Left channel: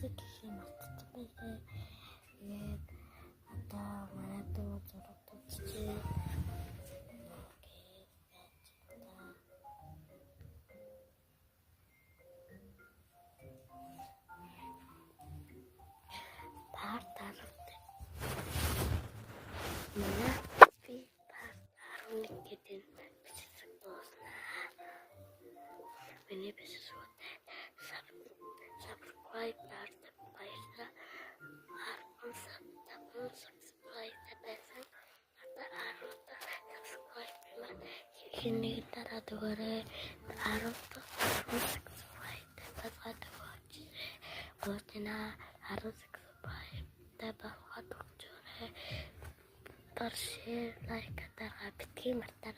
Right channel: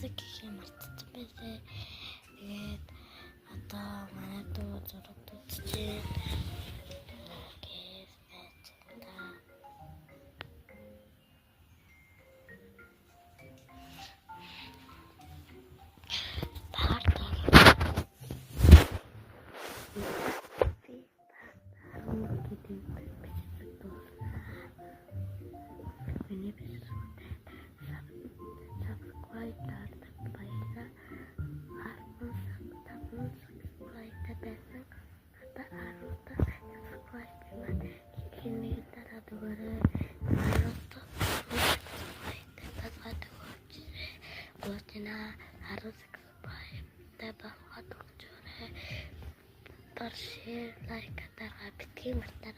зурдаг гэхээ мартсан байлээ. Тэгээд одоо манай дүү зураг үзчихээ. Ini kita ratu gore, harus harus supaya dapat waktu jore, terus like kata rapid mata,